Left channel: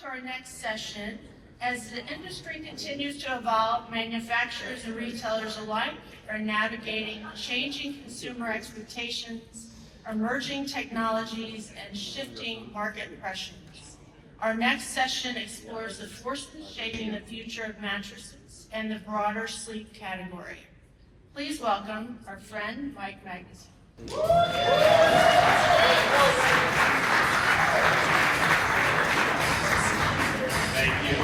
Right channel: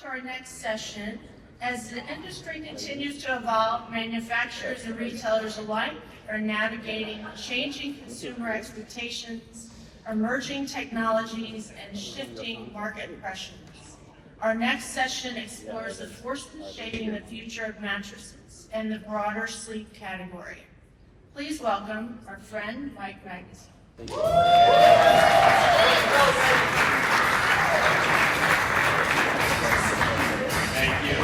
to our next session. As the industry continues to evolve, manufacturers and retailers alike are navigating changing consumer expectations, emerging technologies, and shifting market pressures. Our next session explores the forces shaping the future of mattresses and the broader sleep category. Please welcome our friend, Mike Magnuson. Thank you.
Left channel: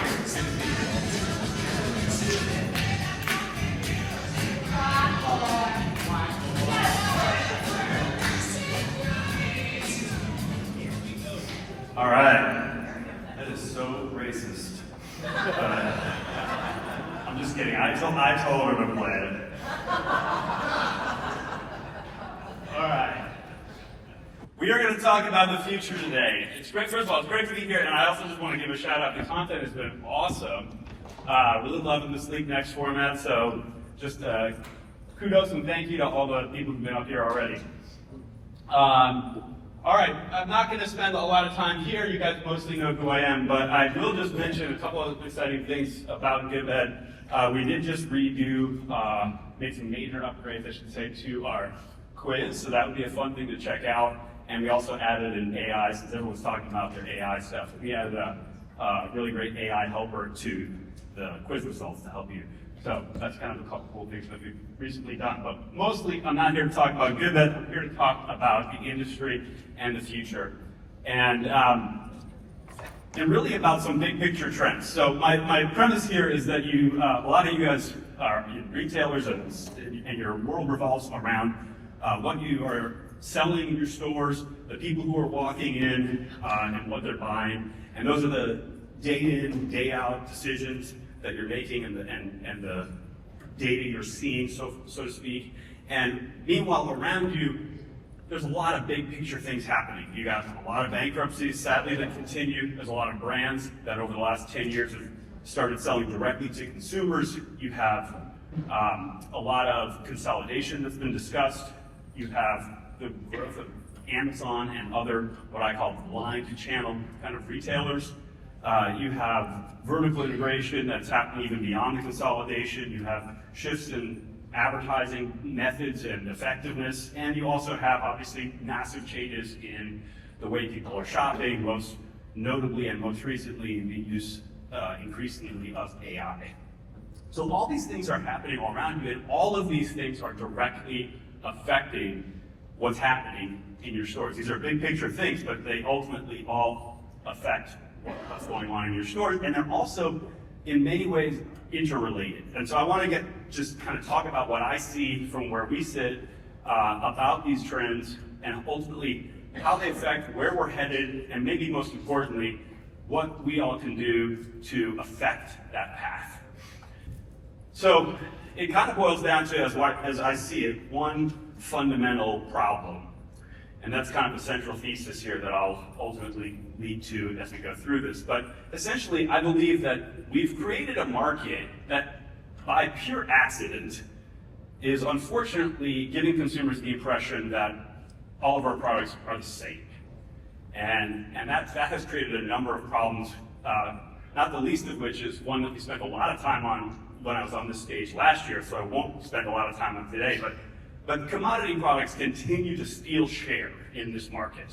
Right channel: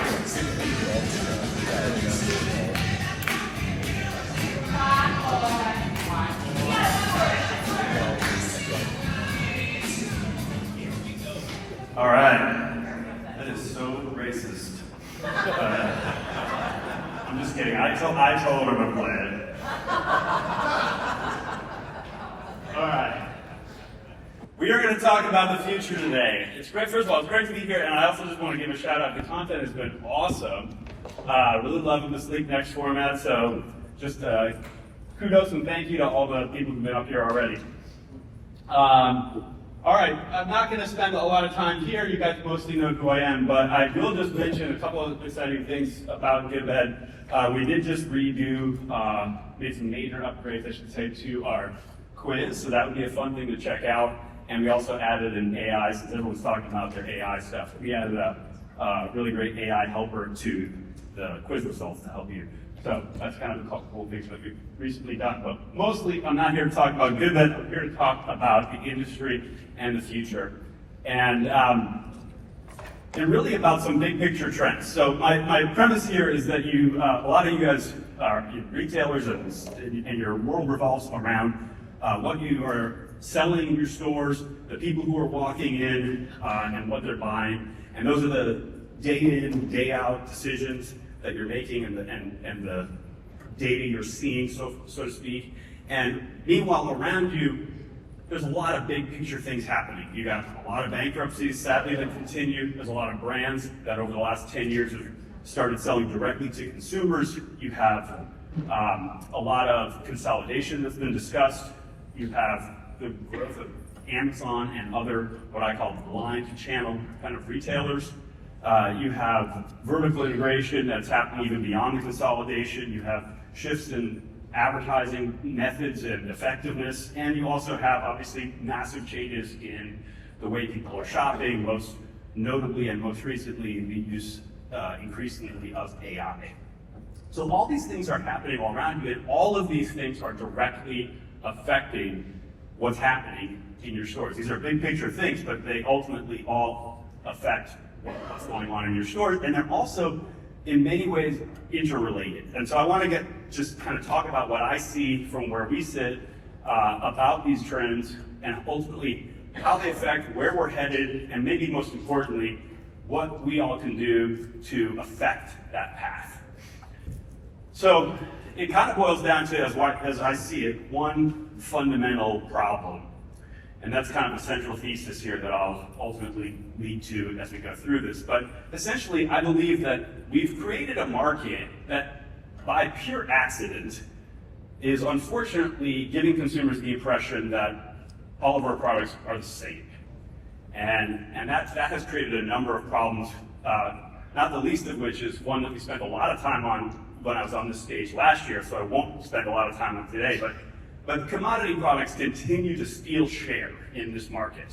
All right. That is so racist. I'm just kidding. I told her to play it. All right. We are going to talk about the future today. It's great. First of all, it's great to be here, and I also just want to give a shout out. The content has been awesome. Really loving the SleepNXT format. So just kudos and thank you to all the people who've been up here already. All right, I'm not going to spend a lot of time here. You guys mostly know who I am, but I will just mention a couple of exciting things about GoodBed. We did just redo, made some major upgrades, I should say, to our quiz, so that would be a fun thing to check out. And we also added an AI, since everyone's talking about their AI stuff. We added a really great AI helper to the quiz results to help you. So that's kind of a couple cool things that we've recently done. But mostly, I'm not here to talk about GoodBed. I'm here to talk about the industry and the future. And really about some big picture trends. So my premise here is that a lot of you guys are retailers and your world revolves around what you are selling in your stores, the people who are walking in and what they're buying. And those are the day in, day out decisions that you're making and the data you're seeing, so to speak. And meanwhile, around you, there's a lot of big picture things happening. You got a lot of bankruptcies, sadly, that continue. There's a lot of brands that over the last 10 years have started selling directly to consumers. You have a lot of consolidation that's been discussed. You have the growth of Amazon and other, what I call line to channel kind of retailers. You have vertical integration that's happening even beyond the consolidation. You have shifts in advertising methods and effectiveness, and you also have obviously massive changes in the way people are shopping, most notably and most recently the use increasingly of AI. So all these things are happening all around you, and all of these things are directly affecting what's happening in your stores. These are big picture things, but they ultimately all affect what's going on in your stores, and they're also in many ways interrelated. And so I want to just kind of talk about what I see from where we sit about these trends and ultimately how they affect where we're headed, and maybe most importantly, what we all can do to affect that path. So it kind of boils down to, as I see it, one fundamental problem. And that's kind of a central thesis here that I'll ultimately lead to as we go through this. But essentially, I believe that we've created a market that, by pure accident, is unfortunately giving consumers the impression that all of our products are the same. And that has created a number of problems, not the least of which is one that we spent a lot of time on when I was on this stage last year, so I won't spend a lot of time on today. But commodity products continue to steal share in this market.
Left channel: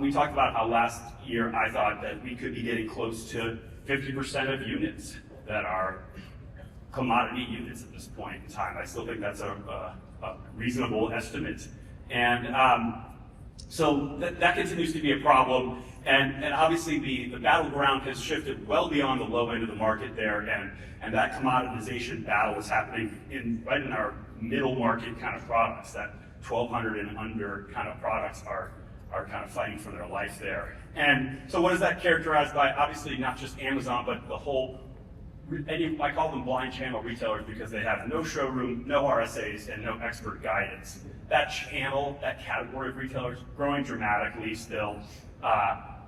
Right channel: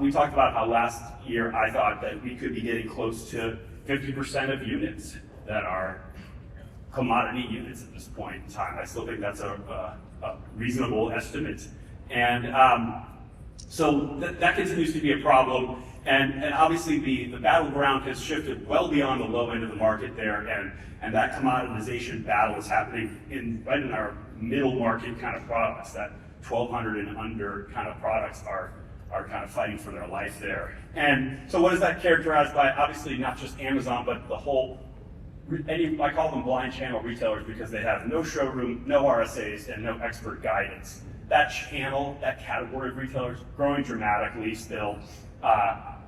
We talked about how last year I thought that we could be getting close to 50% of units that are commodity units at this point in time. I still think that's a reasonable estimate. And so that continues to be a problem. And obviously the battleground has shifted well beyond the low end of the market there, and that commoditization battle is happening right in our middle market kind of products. That 1,200 and under kind of products are kind of fighting for their life there. And so what is that characterized by? Obviously not just Amazon, but the whole, I call them blind channel retailers because they have no showroom, no RSAs, and no expert guidance. That channel, that category of retailers, growing dramatically still.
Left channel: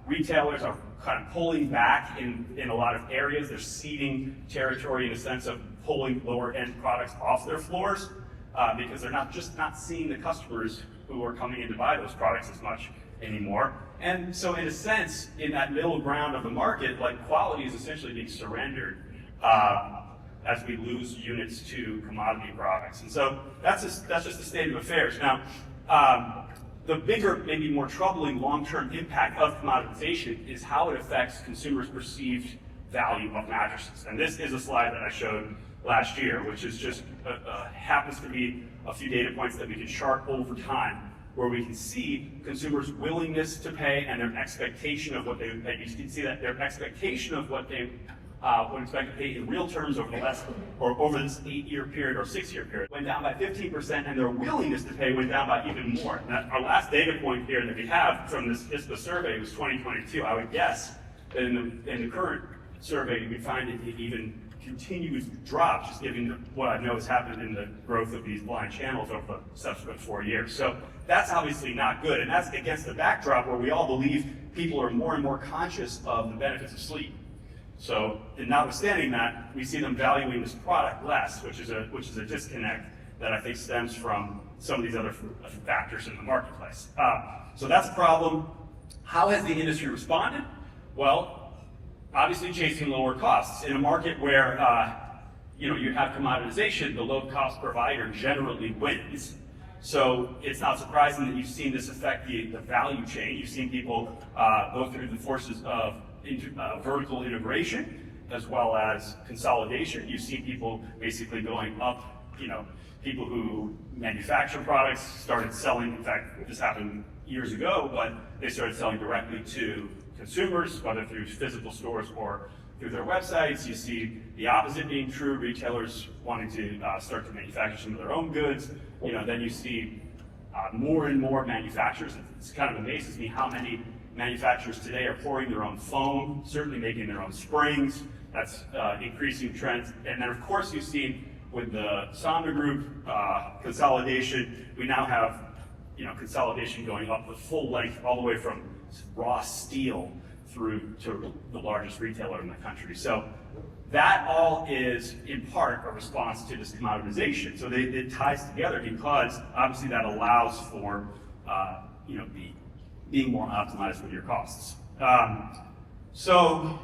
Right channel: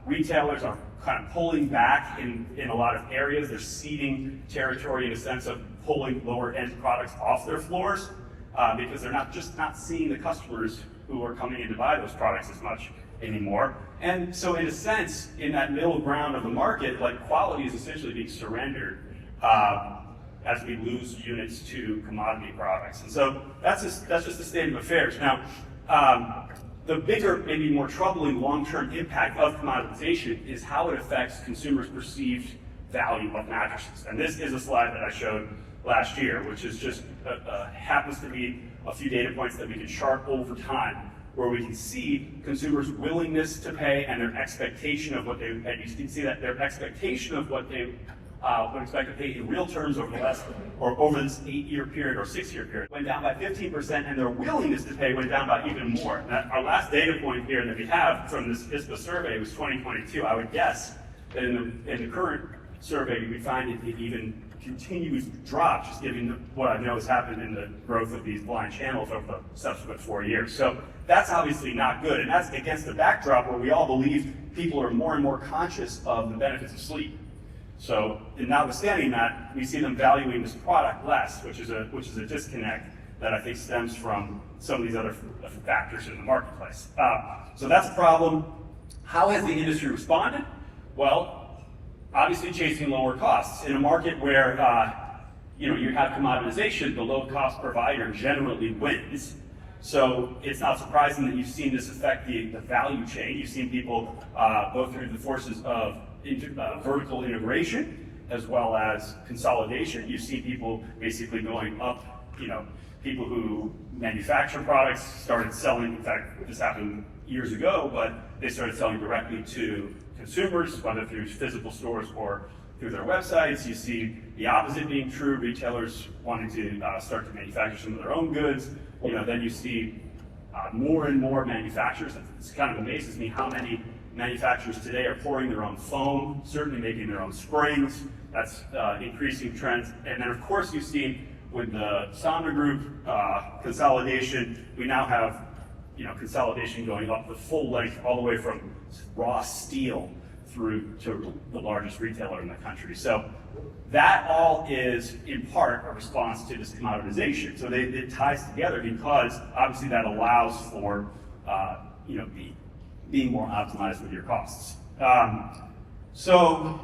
Retailers are kind of pulling back in a lot of areas. They're ceding territory in a sense of pulling lower end products off their floors because they're not seeing the customers who are coming in to buy those products as much anymore. And so in a sense, in that middle ground of the market, like quality is essentially being surrendered as we lose units to commodity products. And so that's just the state of affairs. Now, the bigger, maybe more troubling long-term impact of commoditization is how it affects consumers' perceived value of mattresses. And this is a slide that I showed last year, which is just happens to be a few data points that we can chart over time, where we can see consumers' willingness to pay and their expectation of what they would pay. You can see that their expectation of what they would expect to pay in real terms over this 8-year period or 6-year period went down by 15%, and their willingness to pay went down by even more. Now, our last data point here that we have from this ISPA survey was 2022. I would guess that in the current survey, you would find it even continues to drop, just given what I know has happened in the growth of these blind channels over the subsequent 4 years. So that's obviously not good, and that's against the backdrop where we all believe people are more and more conscious of the benefits of sleep. So, and notwithstanding that, we see them valuing this product less, which is a disconnect that I think stems from some of these other factors in the marketplace. So that's a problem. How has the industry responded? Well, obviously chasing lower costs. In a market where you have commoditization, the low-cost provider generally wins. So it's not surprising that you've seen this affect the value chain. You've seen people go through the forces of vertical integration as well as consolidation. You've seen people basically going up, people who manufacture products started selling, in fact, this happened years ago, but they started selling directly to consumers, whether through physical stores or through their websites. You see the opposite being true, retailers wanting to start to manufacture some of their own goods. Then you see more and more manufacturers. It kind of amazes me how many manufacturers today are pouring their own foam, certainly making their own springs. That's increasing trends. And then of course you've seen with the Sonder Group consolidation, we now have consolidation going up the full length all the way from raw steel through to the largest retailer in the country. So that all is in part a response to this commoditization. So it ties together because obviously that allows for being more optimized with your costs. So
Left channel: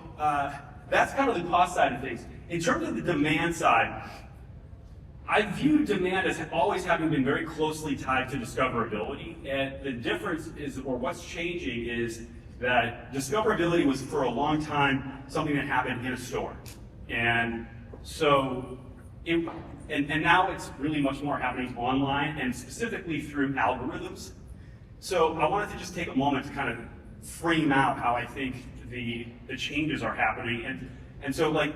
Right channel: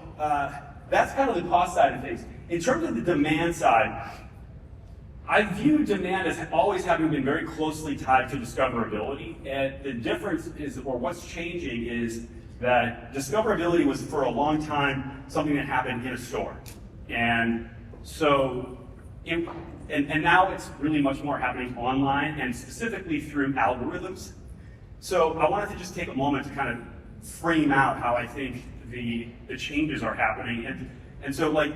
that's kind of the cost side of things. In terms of the demand side, I view demand as always having been very closely tied to discoverability. And the difference is, or what's changing is that discoverability was for a long time something that happened in a store. And so, and now it's really much more happening online and specifically through algorithms. So I wanted to just take a moment to kind of frame out how I think the changes are happening. And so like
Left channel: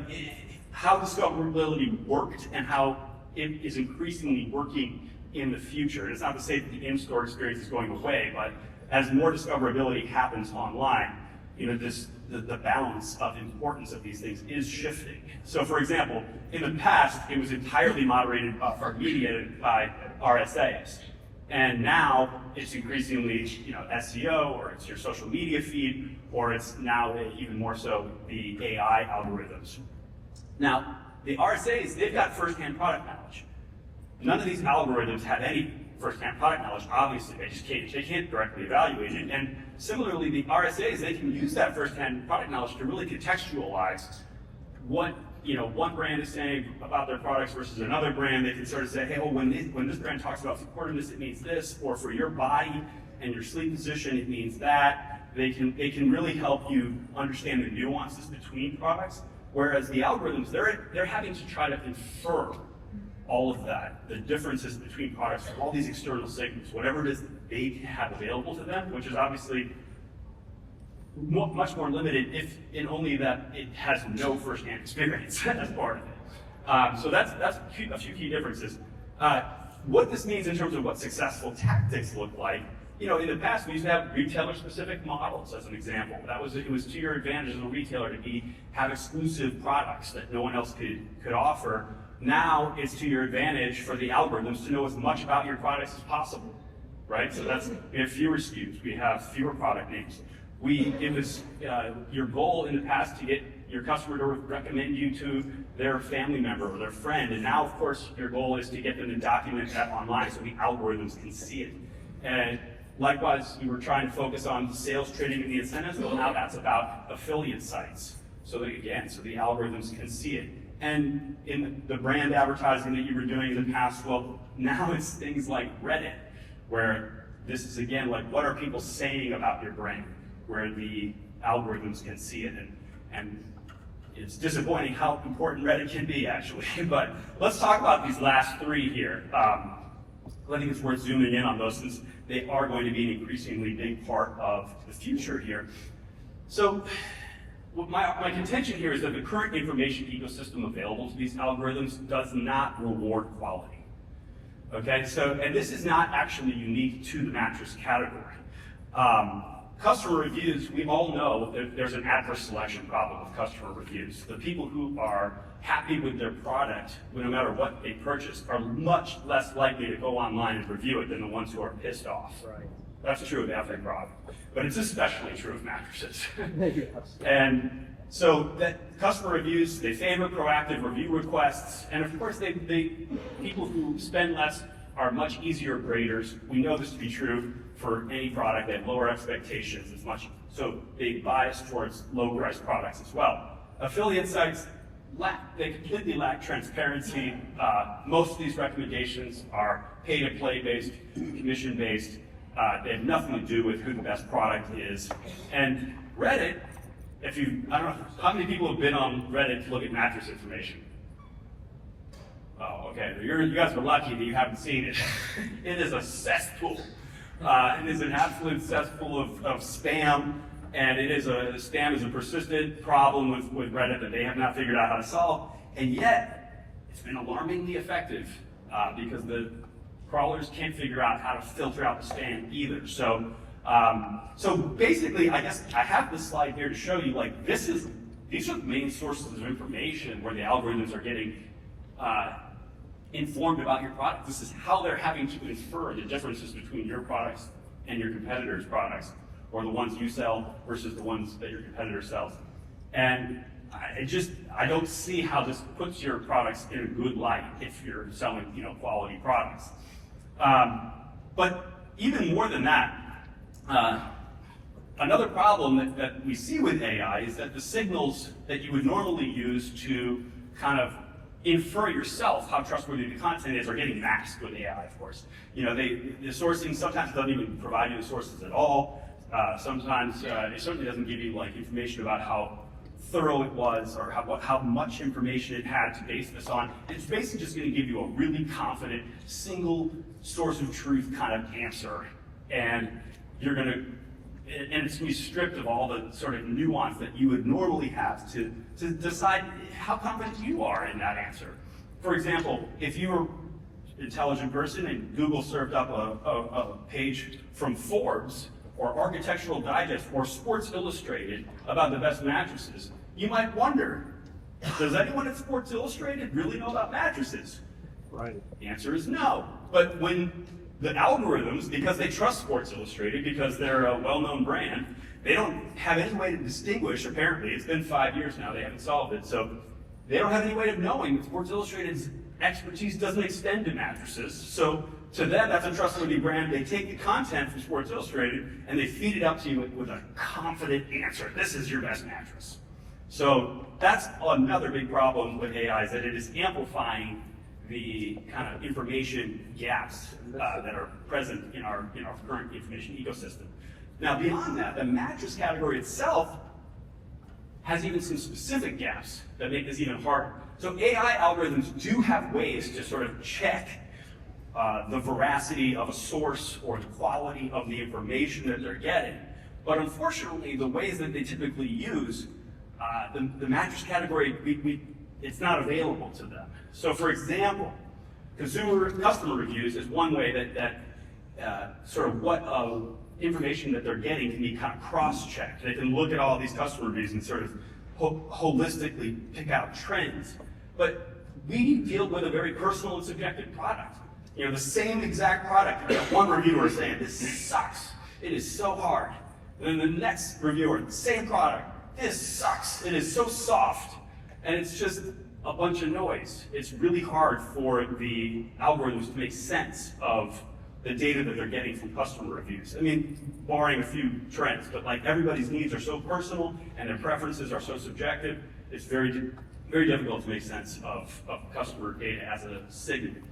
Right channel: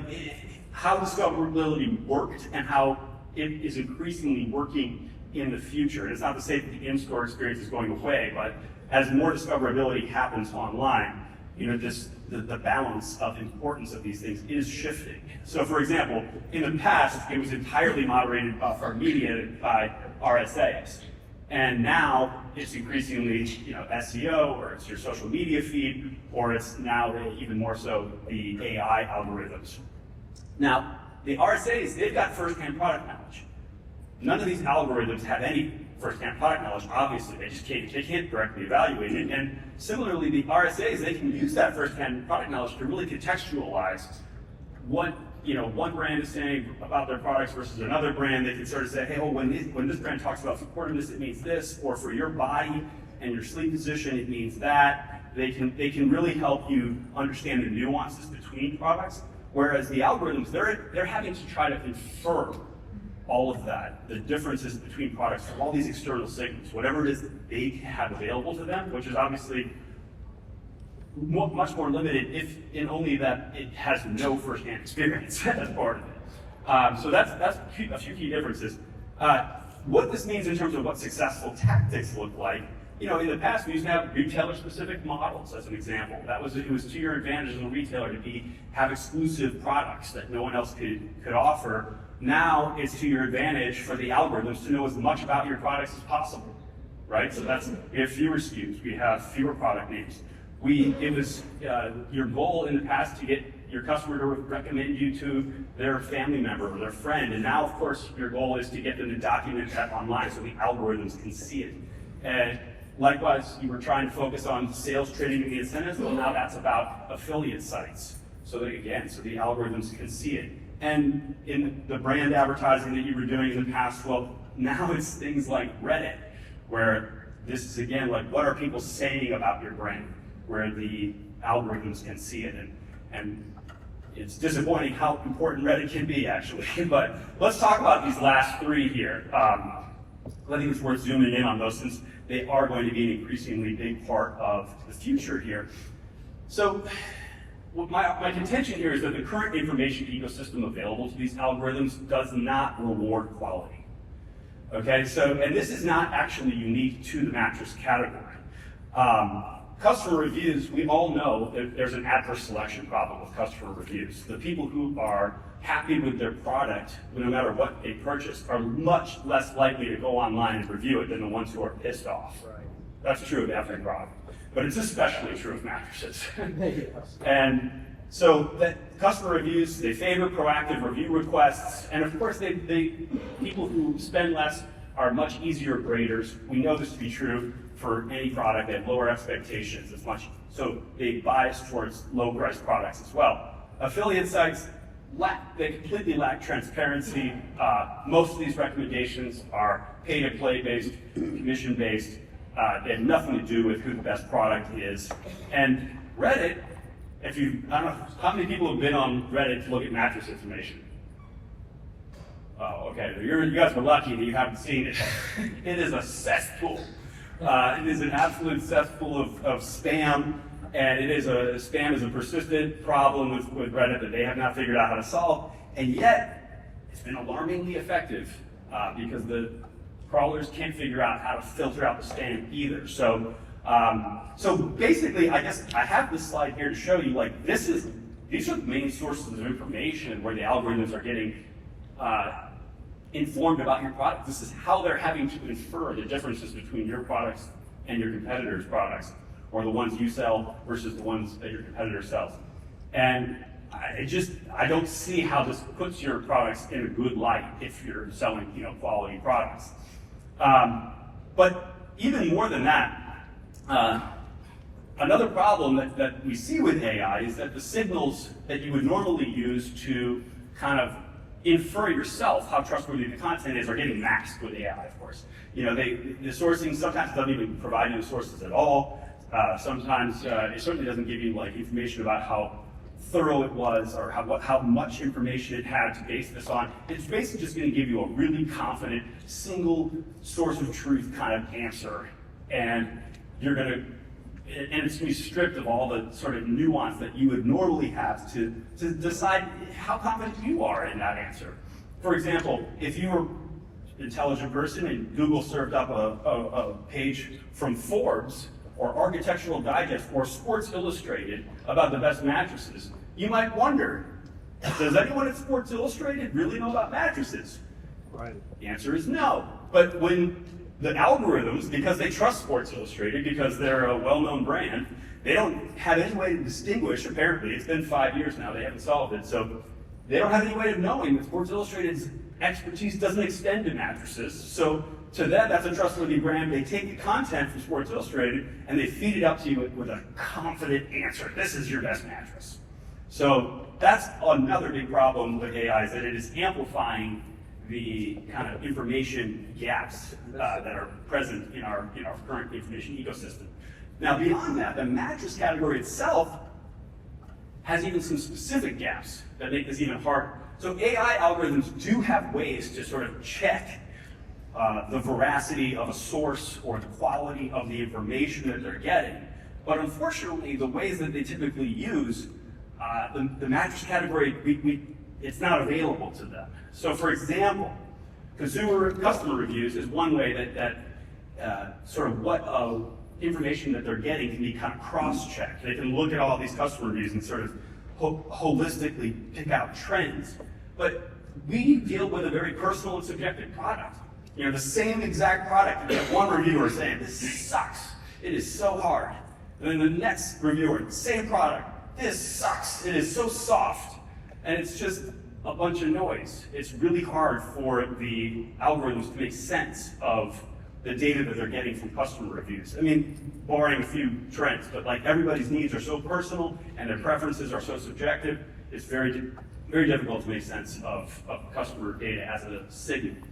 how discoverability worked and how it is increasingly working in the future. And it's not to say that the in-store experience is going away, but as more discoverability happens online, the balance of importance of these things is shifting. So for example, in the past, it was entirely moderated or mediated by RSAs. And now it's increasingly SEO, or it's your social media feed, or it's now even more so the AI algorithms. Now, the RSAs, they've got first-hand product knowledge. None of these algorithms have any first-hand product knowledge. Obviously, they can't directly evaluate it. And similarly, the RSAs, they can use that first-hand product knowledge to really contextualize what one brand is saying about their products versus another brand. They can sort of say, hey, when this brand talks about supportiveness, it means this, or for your body and your sleep position, it means that. They can really help you understand the nuances between products. Whereas the algorithms, they're having to try to infer all of that, the differences between products from all these external signals, whatever it is that they have available to them, which is obviously much more limited if in only that it has no first-hand experience as part of it. So that's a few key differences. What this means in terms of what successful tactics look like, in the past we used to have retailer-specific models as an example. It was to your advantage as a retailer to have exclusive products that no one else could offer. Now it's to your advantage for the algorithms to know as much about your products as possible, right? So we have fewer SKUs, we have fewer product names. It was your goal in the past to get your customer to recommend you to their family member or their friend, and now of course your goal is to get them to document that online so the algorithms can see it. And Likewise, you were trying to focus on sales, trading, and the incentives. Well, now that's about affiliate sites. So that, again, so the algorithms can see it. And in the brand advertising that you were doing in the past, well, now it's things like Reddit, where this is, again, like, what are people saying about your brand, where the algorithms can see it. And it's disappointing how important Reddit can be, actually. But let's talk about these last three here. I think it's worth zooming in on those, since they are going to be an increasingly big part of the future here. So my contention here is that the current information ecosystem available to these algorithms does not reward quality. Okay, so, and this is not actually unique to the mattress category. Customer reviews, we all know that there's an adverse selection problem with customer reviews. The people who are happy with their product, no matter what they purchase, are much less likely to go online and review it than the ones who are pissed off. Right. That's true of every product, but it's especially true of mattresses. And so that customer reviews, they favor proactive review requests, and of course people who spend less are much easier graders. We know this to be true for any product. They have lower expectations so they bias towards low-priced products as well. Affiliate sites, they completely lack transparency. Most of these recommendations are pay-to-play based, commission-based. They have nothing to do with who the best product is. And Reddit, I don't know, how many people have been on Reddit to look at mattress information? Oh, okay, you guys are lucky that you haven't seen it. It is a cesspool. It is an absolute cesspool of spam, and spam is a persistent problem with Reddit that they have not figured out how to solve, and yet it's been alarmingly effective because the crawlers can't figure out how to filter out the spam either. So basically, I guess I have this slide here to show you, like, these are the main sources of information where the algorithms are getting informed about your product. This is how they're having to infer the differences between your products and your competitors' products, or the ones you sell versus the ones that your competitor sells. And I don't see how this puts your products in a good light if you're selling, quality products. But even more than that, another problem that we see with AI is that the signals that you would normally use to kind of infer yourself how trustworthy the content is are getting masked with AI, of course. The sourcing sometimes doesn't even provide you the sources at all. Sometimes it certainly doesn't give you information about how thorough it was or how much information it had to base this on. It's basically just going to give you a really confident, single source of truth kind of answer, and it's going to be stripped of all the sort of nuance that you would normally have to decide how confident you are in that answer. For example, if you were an intelligent person and Google served up a page from Forbes or Architectural Digest or Sports Illustrated about the best mattresses, you might wonder, does anyone at Sports Illustrated really know about mattresses? Right. The answer is no. But when the algorithms, because they trust Sports Illustrated, because they're a well-known brand, they don't have any way to distinguish, apparently. It's been 5 years now, they haven't solved it, so they don't have any way of knowing that Sports Illustrated's expertise doesn't extend to mattresses. So to them, that's a trustworthy brand. They take the content from Sports Illustrated and they feed it up to you with a confident answer. This is your best mattress. So that's another big problem with AI, is that it is amplifying the kind of information gaps that are present in our current information ecosystem. Now, beyond that, the mattress category itself has even some specific gaps that make this even harder. So AI algorithms do have ways to sort of check the veracity of a source or the quality of the information that they're getting. But unfortunately, the ways that they typically use the mattress category, it's not available to them. So for example, customer reviews is one way that sort of what information that they're getting can be kind of cross-checked. They can look at all these customer reviews and sort of holistically pick out trends. But we deal with a very personal and subjective product. The same exact product, you have one reviewer saying, this sucks, it is so hard. And then the next reviewer, same product, this sucks, it is so soft. And it's just a bunch of noise. It's really hard for the algorithms to make sense of the data that they're getting from customer reviews. I mean, barring a few trends, but like everybody's needs are so personal and their preferences are so subjective, it's very, very difficult to make sense of customer data as a signal.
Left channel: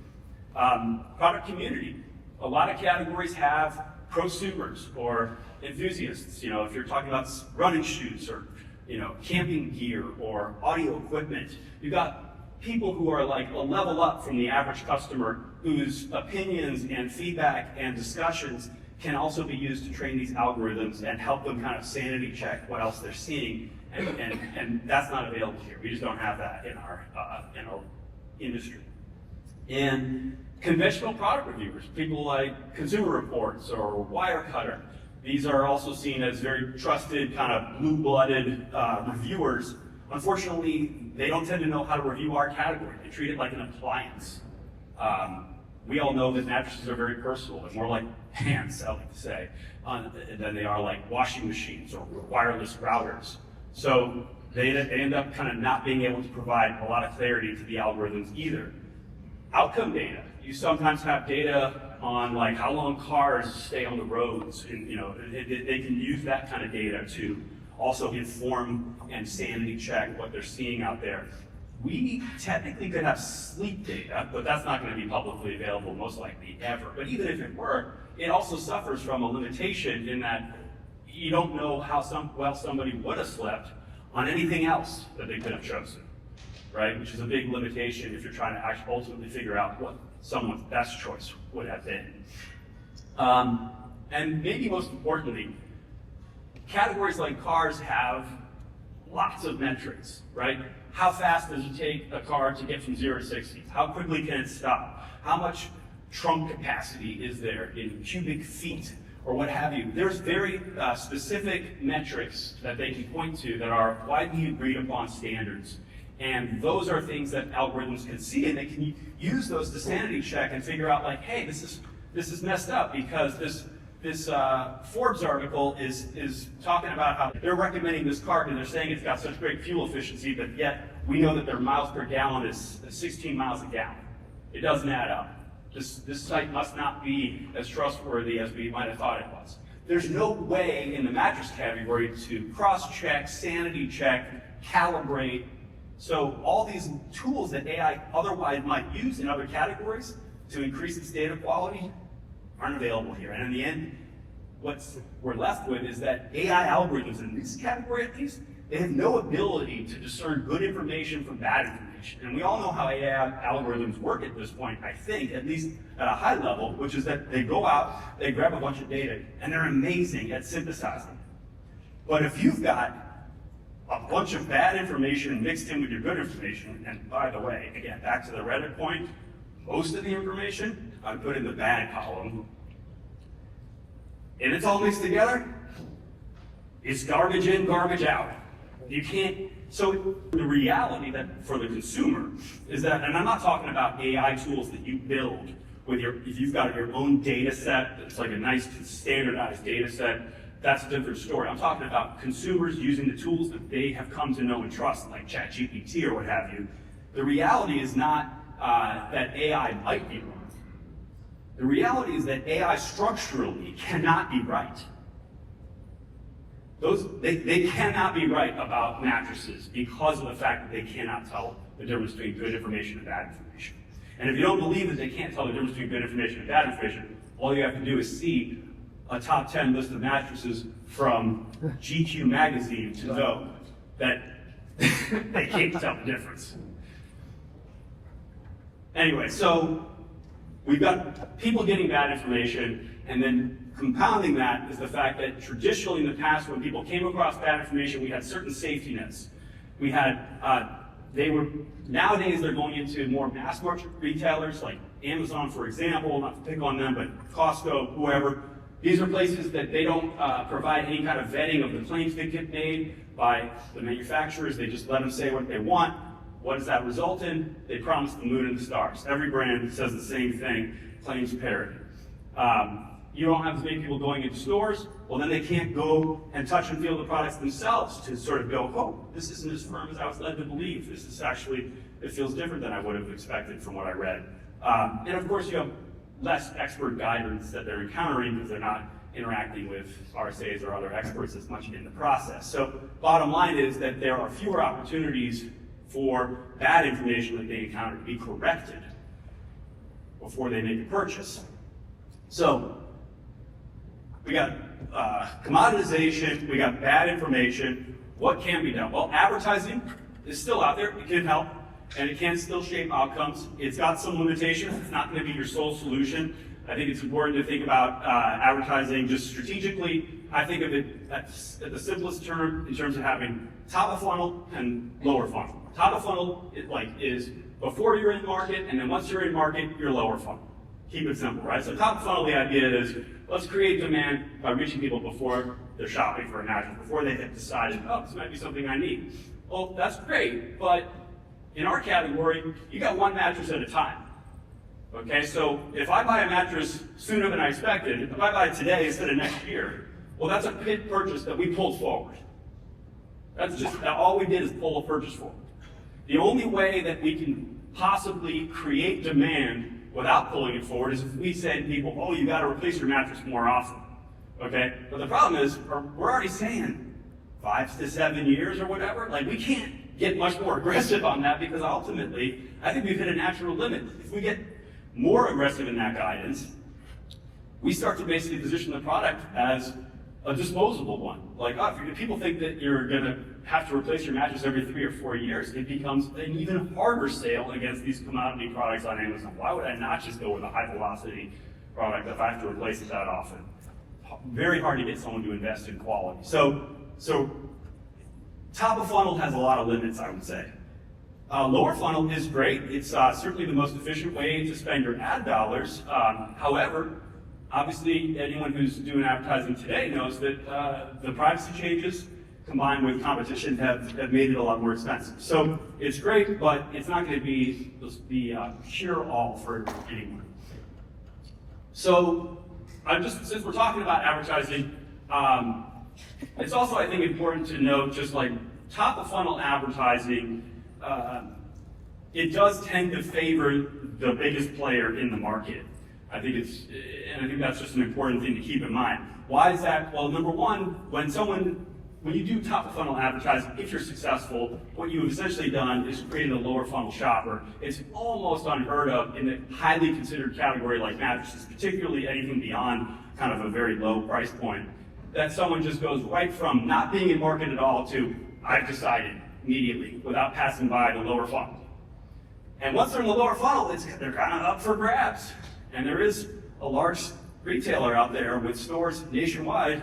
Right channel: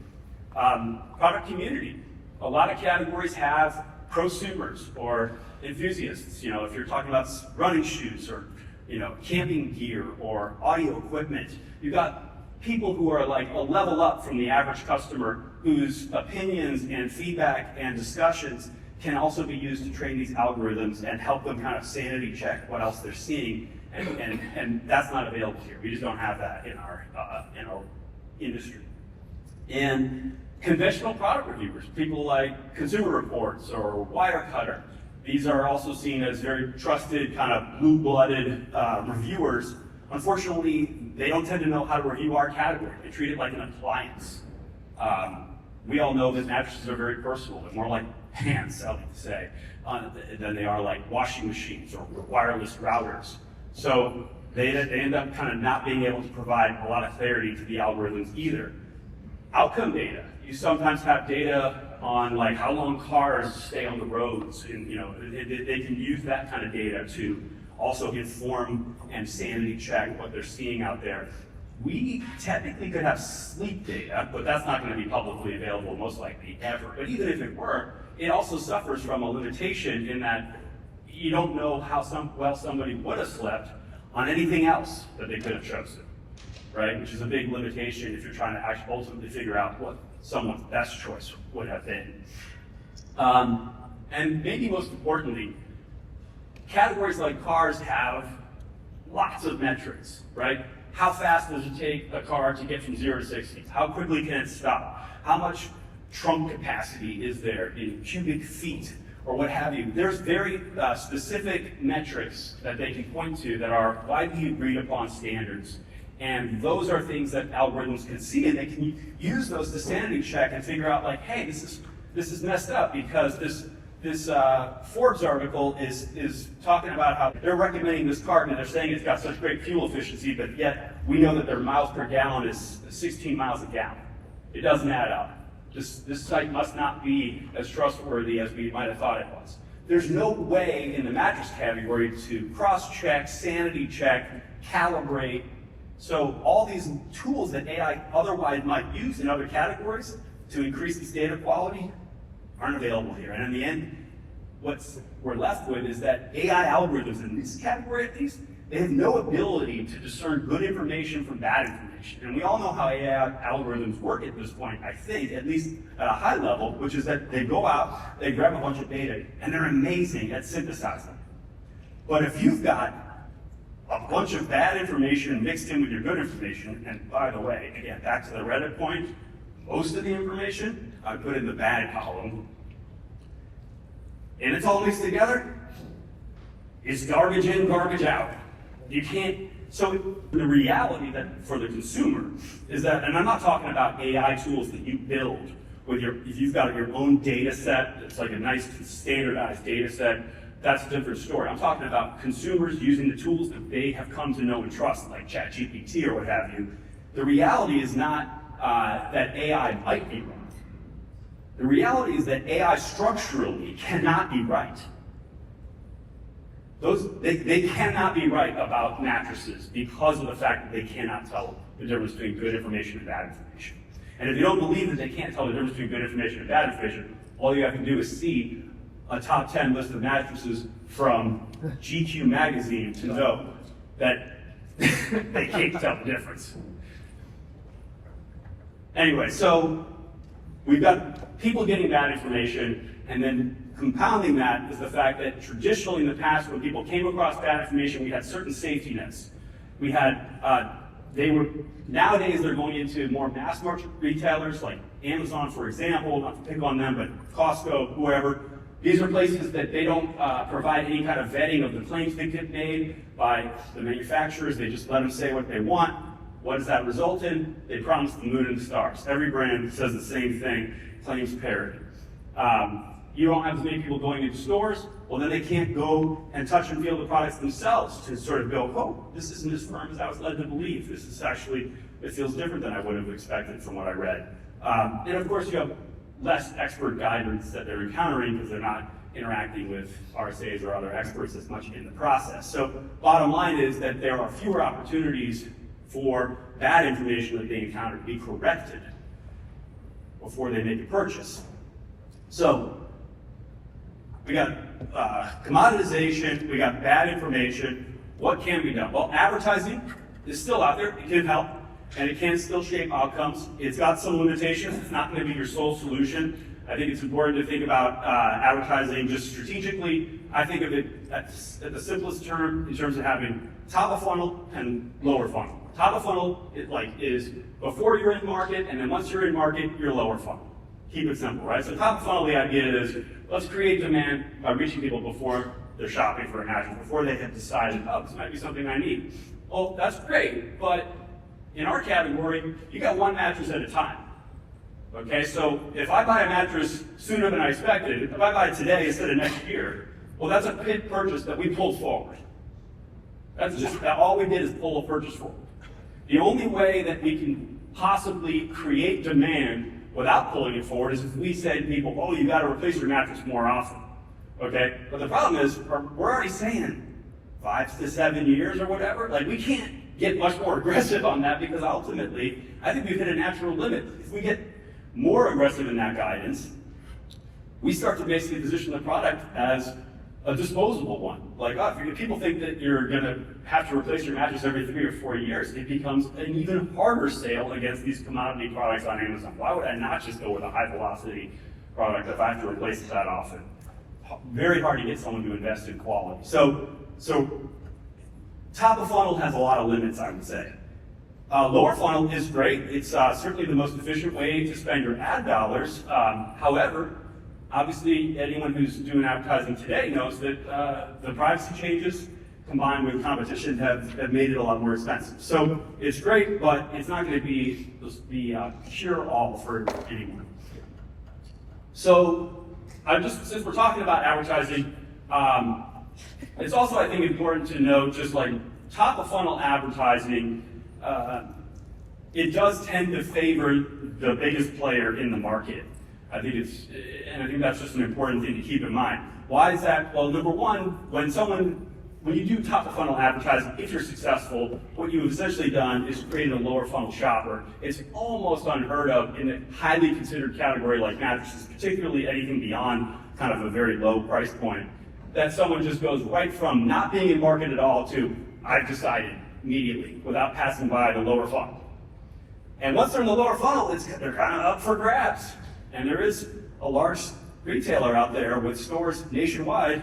Product community. A lot of categories have prosumers or enthusiasts. You know, if you're talking about running shoes or, you know, camping gear or audio equipment, you've got people who are like a level up from the average customer whose opinions and feedback and discussions can also be used to train these algorithms and help them kind of sanity check what else they're seeing. And that's not available here. We just don't have that in our industry. And conventional product reviewers, people like Consumer Reports or Wirecutter, these are also seen as very trusted, kind of blue-blooded reviewers. Unfortunately, they don't tend to know how to review our category. They treat it like an appliance. We all know that mattresses are very personal. They're more like pants, I like to say, than they are like washing machines or wireless routers. So they end up kind of not being able to provide a lot of clarity to the algorithms either. Outcome data. You sometimes have data on like how long cars stay on the roads, and you know they can use that kind of data to also inform and sanity check what they're seeing out there. We technically could have sleep data, but that's not going to be publicly available most likely ever. But even if it were, it also suffers from a limitation in that you don't know how well somebody would have slept on anything else that they could have chosen, right? Which is a big limitation if you're trying to actually ultimately figure out what someone's best choice would have been. And maybe most importantly, categories like cars have lots of metrics, right? How fast does it take a car to get from 0 to 60? How quickly can it stop? How much trunk capacity is there in cubic feet or what have you? There's very specific metrics that they can point to that are widely agreed upon standards. And those are things that algorithms can see, and they can use those to sanity check and figure out like, hey, this is messed up because this Forbes article is talking about how they're recommending this car and they're saying it's got such great fuel efficiency, but yet we know that their miles per gallon is 16 miles a gallon. It doesn't add up. This site must not be as trustworthy as we might have thought it was. There's no way in the mattress category to cross-check, sanity check, calibrate. So all these tools that AI otherwise might use in other categories to increase its data quality aren't available here. And in the end, what we're left with is that AI algorithms in this category at least, they have no ability to discern good information from bad information. And we all know how AI algorithms work at this point, I think, at least at a high level, which is that they go out, they grab a bunch of data, and they're amazing at synthesizing. But if you've got a bunch of bad information mixed in with your good information, and by the way, again, back to the Reddit point, most of the information I put in the bad column, and it's all mixed together, it's garbage in, garbage out. You can't, so the reality that for the consumer is that, and I'm not talking about AI tools that you build with if you've got your own data set, it's like a nice standardized data set, that's a different story. I'm talking about consumers using the tools that they have come to know and trust, like ChatGPT or what have you. The reality is not that AI might be wrong. The reality is that AI structurally cannot be right. They cannot be right about mattresses because of the fact that they cannot tell the difference between good information and bad information. And if you don't believe that they can't tell the difference between good information and bad information, all you have to do is see a top 10 list of mattresses from GQ magazine to know that they can't tell the difference. Anyway, so we've got people getting bad information, and then compounding that is the fact that traditionally in the past, when people came across bad information, we had certain safety nets. We had, nowadays they're going into more mass market retailers like Amazon, for example, not to pick on them, but Costco, whoever. These are places that they don't provide any kind of vetting of the claims that get made by the manufacturers. They just let them say what they want. What does that result in? They promise the moon and the stars. Every brand says the same thing, claims parity. You don't have as many people going into stores, well then they can't go and touch and feel the products themselves to sort of go, oh, this isn't as firm as I was led to believe. This is actually, it feels different than I would have expected from what I read. And of course you have less expert guidance that they're encountering because they're not interacting with RSAs or other experts as much in the process. So bottom line is that there are fewer opportunities for bad information that they encounter to be corrected before they make a purchase. So we got commoditization, we got bad information. What can be done? Well, advertising is still out there. It can help, and it can still shape outcomes. It's got some limitations. It's not going to be your sole solution. I think it's important to think about advertising just strategically. I think of it at the simplest term in terms of having top of funnel and lower funnel. Top of funnel is before you're in market, and then once you're in market, you're lower funnel. Keep it simple, right? So top of funnel, the idea is let's create demand by reaching people before they're shopping for a mattress, before they have decided, oh, this might be something I need. Well, that's great, but in our category, you got one mattress at a time. Okay, so if I buy a mattress sooner than I expected, if I buy it today instead of next year, well, that's a big purchase that we pulled forward. That's just all we did is pull a purchase forward. The only way that we can possibly create demand without pulling it forward is if we say to people, oh, you got to replace your mattress more often. Okay, but the problem is we're already saying 5 to 7 years or whatever. Like, we can't get much more aggressive on that because ultimately, I think we've hit a natural limit. If we get more aggressive in that guidance, we start to basically position the product as a disposable one. Like, if people think that you're going to have to replace your mattress every 3 or 4 years, it becomes an even harder sale against these commodity products on Amazon. Why would I not just go with a high velocity product if I have to replace it that often? Very hard to get someone to invest in quality. So top of funnel has a lot of limits, I would say. Lower funnel is great. It's certainly the most efficient way to spend your ad dollars. However, obviously, anyone who's doing advertising today knows that the privacy changes combined with competition have made it a lot more expensive. So it's great, but it's not going to be the cure-all for anyone. So since we're talking about advertising, it's also, I think, important to note, just like top of funnel advertising, it does tend to favor the biggest player in the market. I think that's just an important thing to keep in mind. Why is that? Well, number one, when you do top of funnel advertising, if you're successful, what you've essentially done is created a lower funnel shopper. It's almost unheard of in a highly considered category like mattresses, particularly anything beyond kind of a very low price point, that someone just goes right from not being in market at all to I've decided immediately without passing by the lower funnel. And once they're in the lower funnel, they're kind of up for grabs. And there is a large retailer out there with stores nationwide,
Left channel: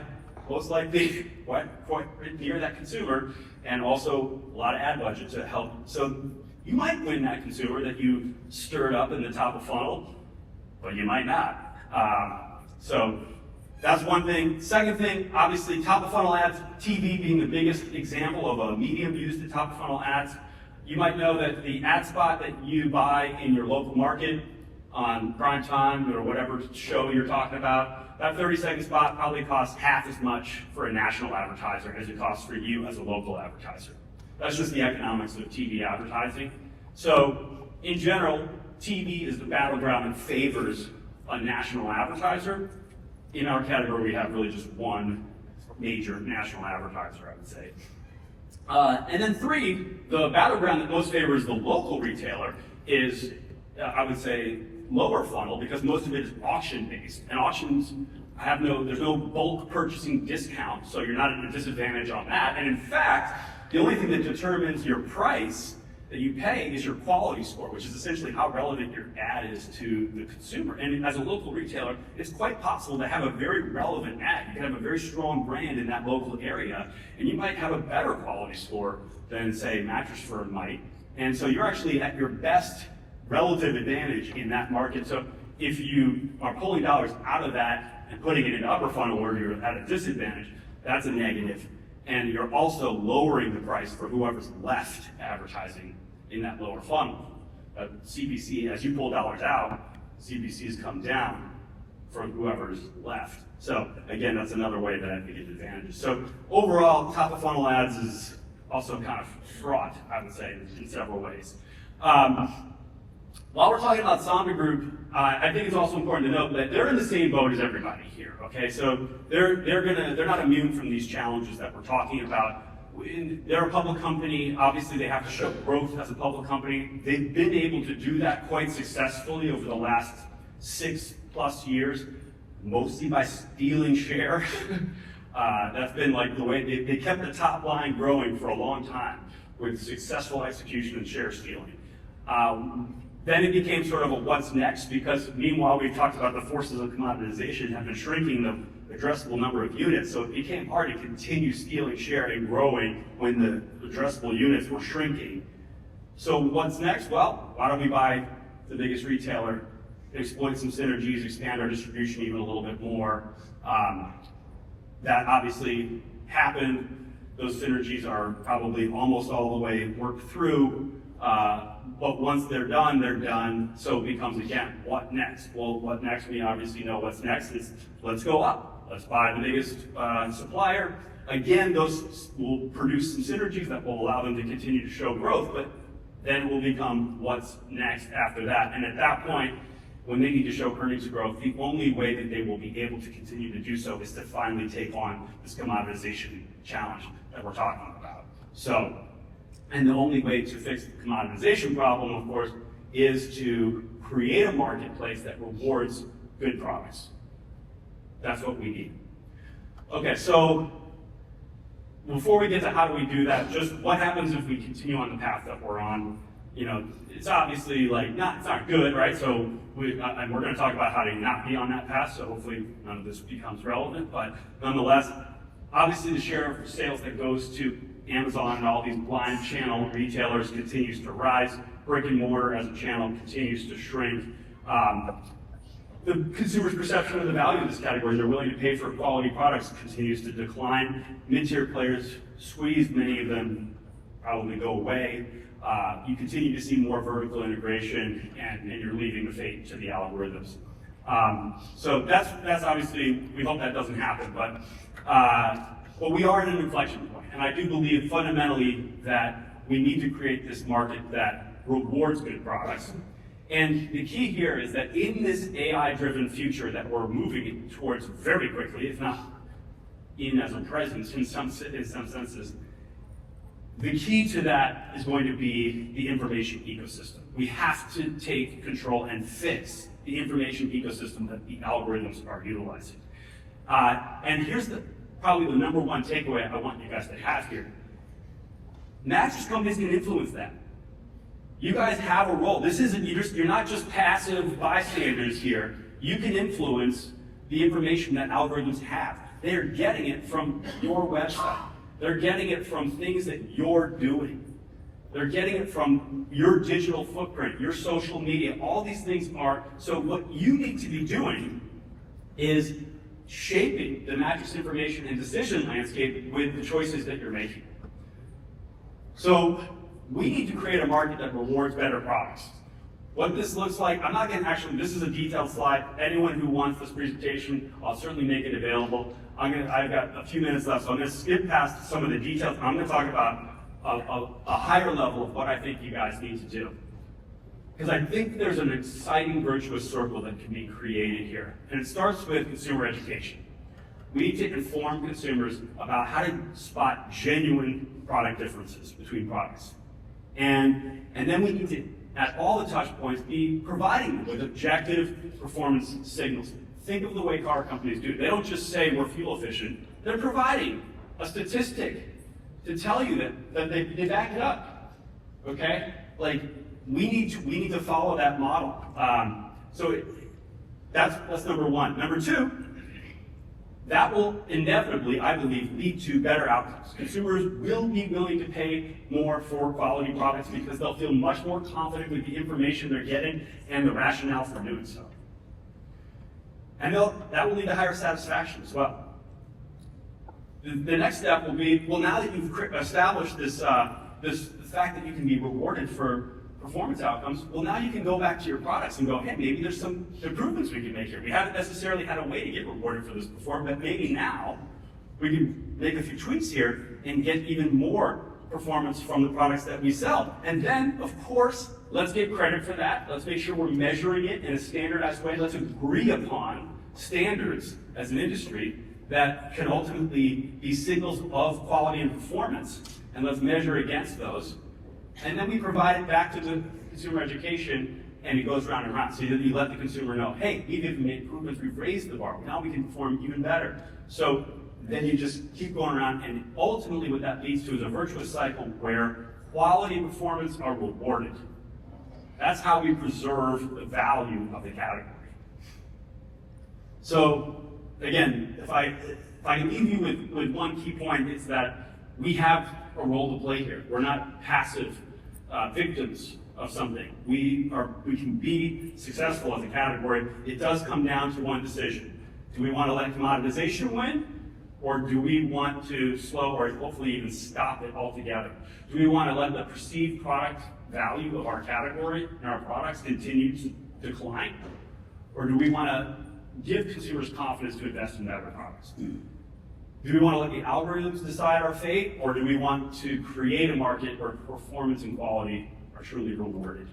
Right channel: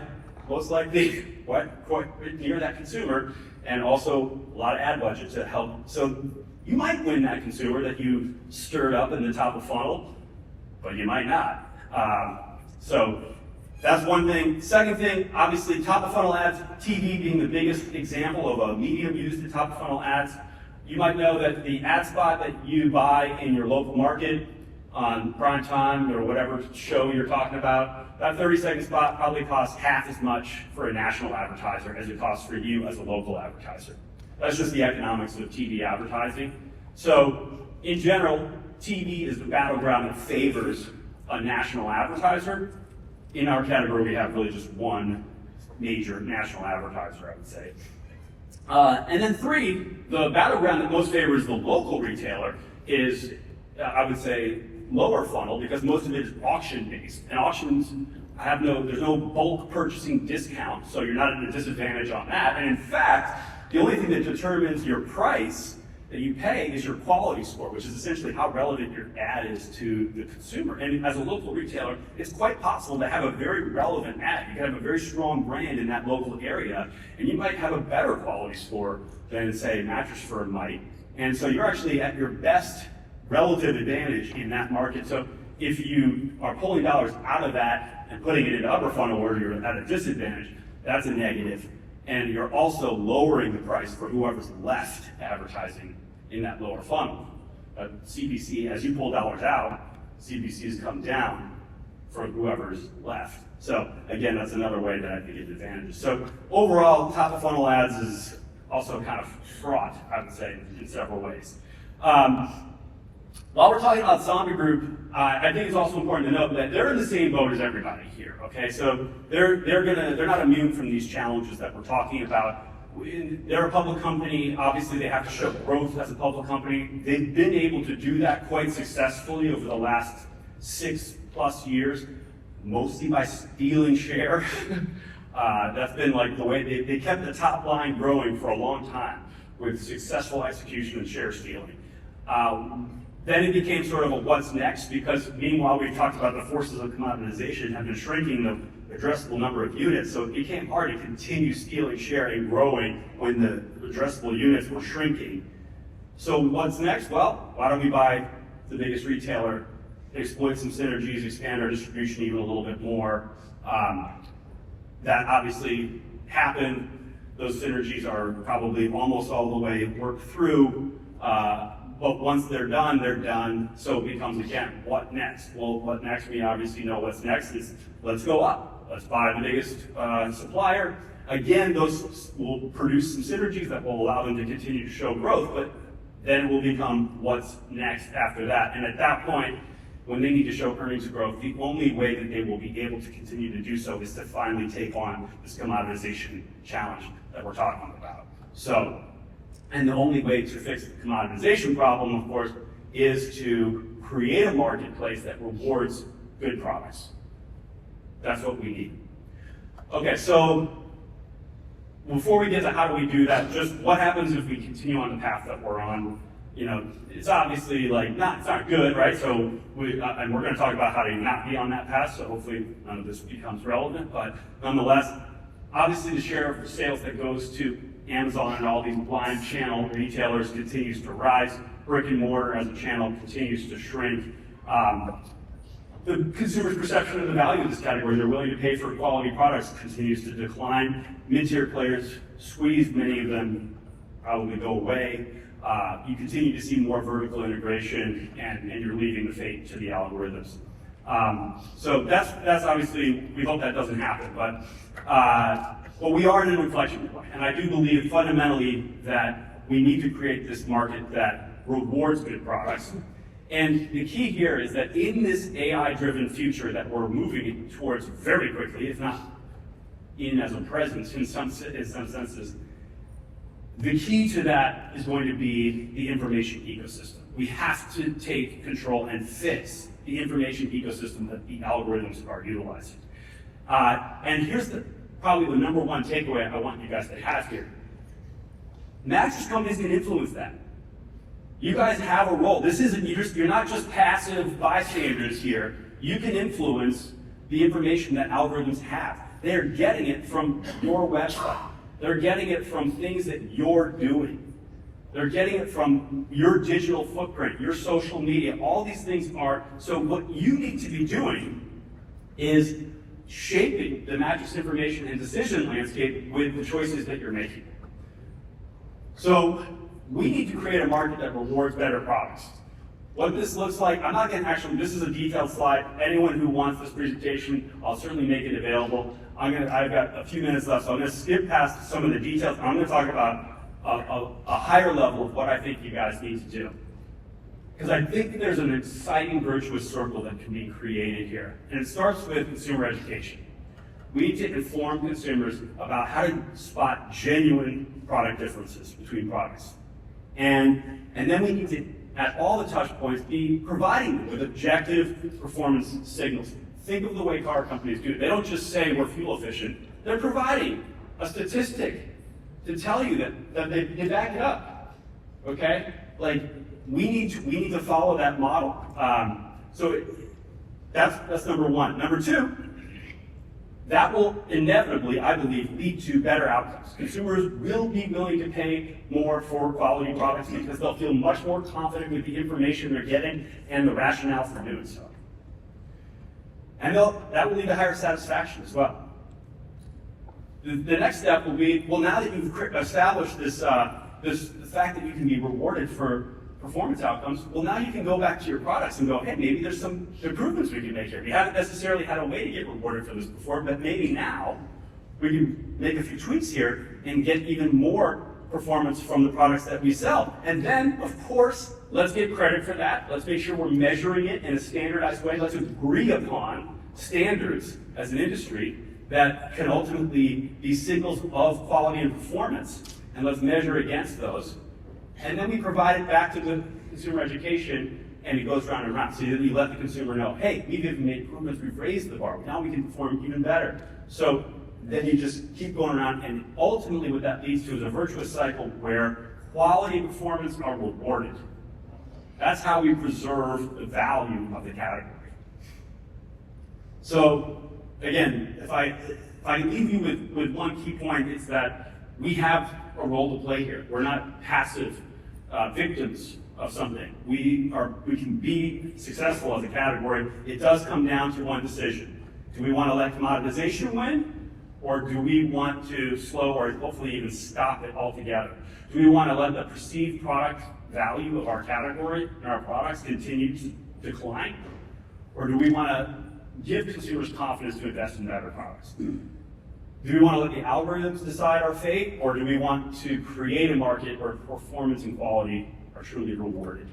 most likely quite near that consumer, and also a lot of ad budget to help. So you might win that consumer that you stirred up in the top of funnel, but you might not. So that's one thing. Second thing, obviously, top of funnel ads, TV being the biggest example of a medium used in top of funnel ads. You might know that the ad spot that you buy in your local market on prime time or whatever show you're talking about, that 30-second spot probably costs half as much for a national advertiser as it costs for you as a local advertiser. That's just the economics of TV advertising. So in general, TV is the battleground that favors a national advertiser. In our category, we have really just one major national advertiser, I would say. And then three, the battleground that most favors the local retailer is, I would say, lower funnel, because most of it is auction-based. And auctions there's no bulk purchasing discount, so you're not at a disadvantage on that. And in fact, the only thing that determines your price that you pay is your quality score, which is essentially how relevant your ad is to the consumer. And as a local retailer, it's quite possible to have a very relevant ad. You can have a very strong brand in that local area, and you might have a better quality score than, say, Mattress Firm might. And so you're actually at your best relative advantage in that market. So if you are pulling dollars out of that and putting it into upper funnel where you're at a disadvantage, that's a negative. And you're also lowering the price for whoever's left advertising in that lower funnel. CPC, as you pull dollars out, CPCs come down for whoever's left. So again, that's another way that I think it advantages. So overall, top of funnel ads is also kind of fraught, I would say, in several ways. While we're talking about Sonder Group, I think it's also important to note that they're in the same boat as everybody here. Okay, so they're not immune from these challenges that we're talking about. They're a public company. Obviously, they have to show growth as a public company. They've been able to do that quite successfully over the last 6+ years, mostly by stealing share. That's been like the way they kept the top line growing for a long time with successful execution and share stealing. Then it became sort of a what's next, because meanwhile we've talked about the forces of commoditization have been shrinking the addressable number of units, so it became hard to continue stealing share and growing when the addressable units were shrinking. So what's next? Well, why don't we buy the biggest retailer, exploit some synergies, expand our distribution even a little bit more. That obviously happened. Those synergies are probably almost all the way worked through. But once they're done, so it becomes, again, what next? Well, what next? We obviously know what's next is, let's go up. Let's buy the biggest supplier. Again, those will produce some synergies that will allow them to continue to show growth, but then it will become what's next after that. And at that point, when they need to show earnings growth, the only way that they will be able to continue to do so is to finally take on this commoditization challenge that we're talking about. So, and the only way to fix the commoditization problem, of course, is to create a marketplace that rewards good products. That's what we need. Okay, so before we get to how do we do that, just what happens if we continue on the path that we're on? You know, it's obviously like it's not good, right? So and we're going to talk about how to not be on that path. So hopefully none of this becomes relevant, but nonetheless, obviously the share of sales that goes to Amazon and all these blind channel retailers continues to rise. Brick and mortar as a channel continues to shrink. The consumer's perception of the value of this category, they're willing to pay for quality products, continues to decline. Mid-tier players squeeze, many of them probably go away. You continue to see more vertical integration, and you're leaving the fate to the algorithms. So that's obviously, we hope that doesn't happen, but we are in an inflection point, and I do believe fundamentally that we need to create this market that rewards good products. And the key here is that in this AI-driven future that we're moving towards very quickly, if not in as a presence in some senses, the key to that is going to be the information ecosystem. We have to take control and fix the information ecosystem that the algorithms are utilizing. And here's probably the number one takeaway I want you guys to have here. Mattress companies can influence that. You guys have a role. This isn't, you're not just passive bystanders here. You can influence the information that algorithms have. They're getting it from your website. They're getting it from things that you're doing. They're getting it from your digital footprint, your social media. All these things are, so what you need to be doing is shaping the mattress information and decision landscape with the choices that you're making. So we need to create a market that rewards better products. What this looks like, I'm not going to actually, this is a detailed slide. Anyone who wants this presentation, I'll certainly make it available. I've got a few minutes left, so I'm going to skip past some of the details. I'm going to talk about a higher level of what I think you guys need to do. Because I think there's an exciting virtuous circle that can be created here. And it starts with consumer education. We need to inform consumers about how to spot genuine product differences between products. And then we need to, at all the touch points, be providing them with objective performance signals. Think of the way car companies do. They don't just say we're fuel efficient. They're providing a statistic to tell you that they back it up. Okay? Like, we need to follow that model. So that's number one. Number two, that will inevitably, I believe, lead to better outcomes. Consumers will be willing to pay more for quality products because they'll feel much more confident with the information they're getting and the rationale for doing so. And that will lead to higher satisfaction as well. The next step will be, well, now that you've established the fact that you can be rewarded for performance outcomes, well, now you can go back to your products and go, hey, maybe there's some improvements we can make here. We haven't necessarily had a way to get rewarded for this before, but maybe now we can make a few tweaks here and get even more performance from the products that we sell. And then, of course, let's get credit for that. Let's make sure we're measuring it in a standardized way. Let's agree upon standards as an industry that can ultimately be signals of quality and performance, and let's measure against those. And then we provide it back to the consumer education, and it goes round and round. So that you let the consumer know, hey, we've even made improvements, we've raised the bar, now we can perform even better. So then you just keep going around, and ultimately what that leads to is a virtuous cycle where quality and performance are rewarded. That's how we preserve the value of the category. So again, if I can leave you with one key point, it's that we have a role to play here. We're not passive victims of something. We can be successful as a category. It does come down to one decision. Do we want to let commoditization win? Or do we want to slow or hopefully even stop it altogether? Do we want to let the perceived product value of our category and our products continue to decline? Or do we want to give consumers confidence to invest in better products? Do we want to let the algorithms decide our fate? Or do we want to create a market where performance and quality are truly rewarded?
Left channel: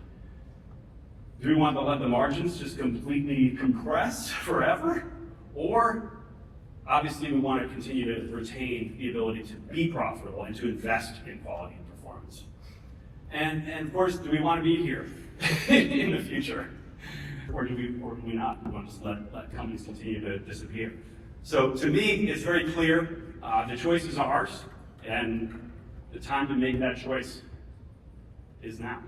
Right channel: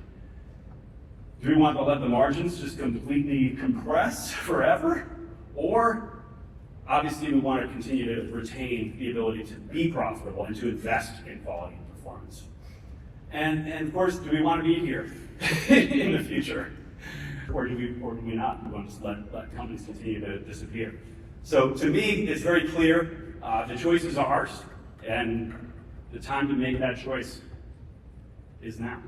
Do we want to let the margins just completely compress forever? Or obviously, we want to continue to retain the ability to be profitable and to invest in quality and performance. And of course, do we want to be here in the future? Or do we not? We want to just let companies continue to disappear. So to me, it's very clear. The choice is ours, and the time to make that choice is now.